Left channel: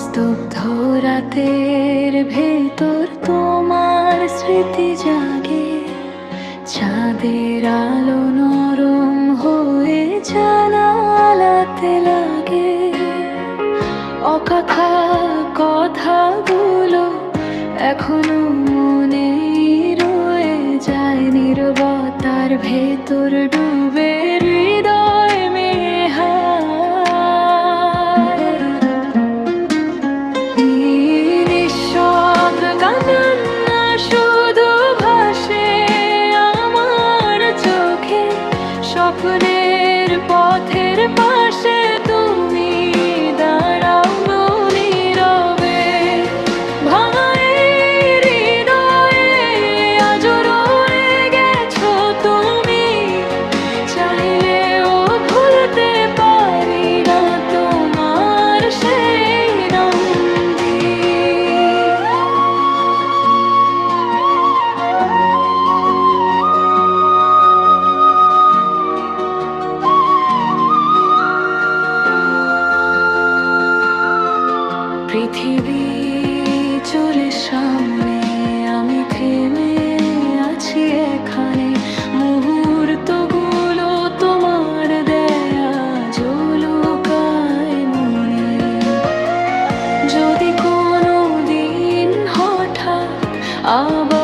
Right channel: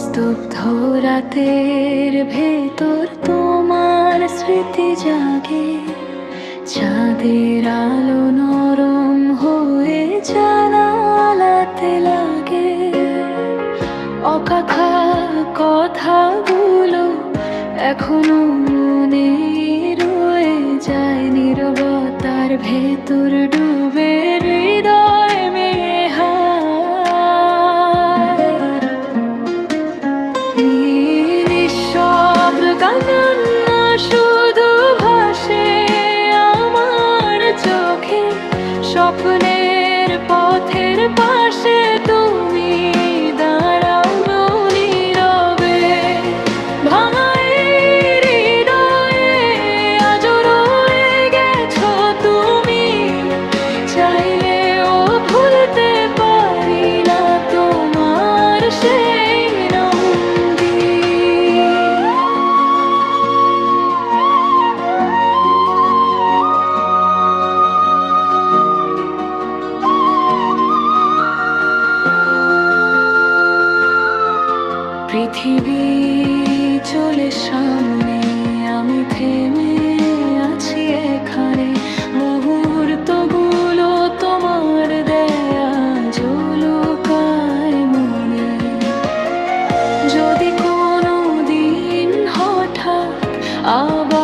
স্তব্ধ রাতের ভেতর তোমার স্মৃতি জাগে, চাঁদের আলো নরম হয়ে জানালাতে লাগে। অকথা কথাগুলো এখনো মনে রয়ে যায়, নীরবতার ভেতর ডুবে হৃদয় মেয়ে হায়। নিঃশব্দ কান্না শুধু ভাসে আমার চোখে, স্বপ্নের পথের পাশে তুমি দাঁড়াও নীরবে। ভাঙা এই হৃদয়ে আজও রয়ে গেছো তুমি, চাইলেও ভুলতে পারি না তোমার সেই নন্দী। পৃথিবী চলে সামনে, আমি থেমে আছি এখানে। মুহূর্তগুলো তোমার দেয়া জলুকায় মনে। যদি কোনো দিন হঠাৎ আবার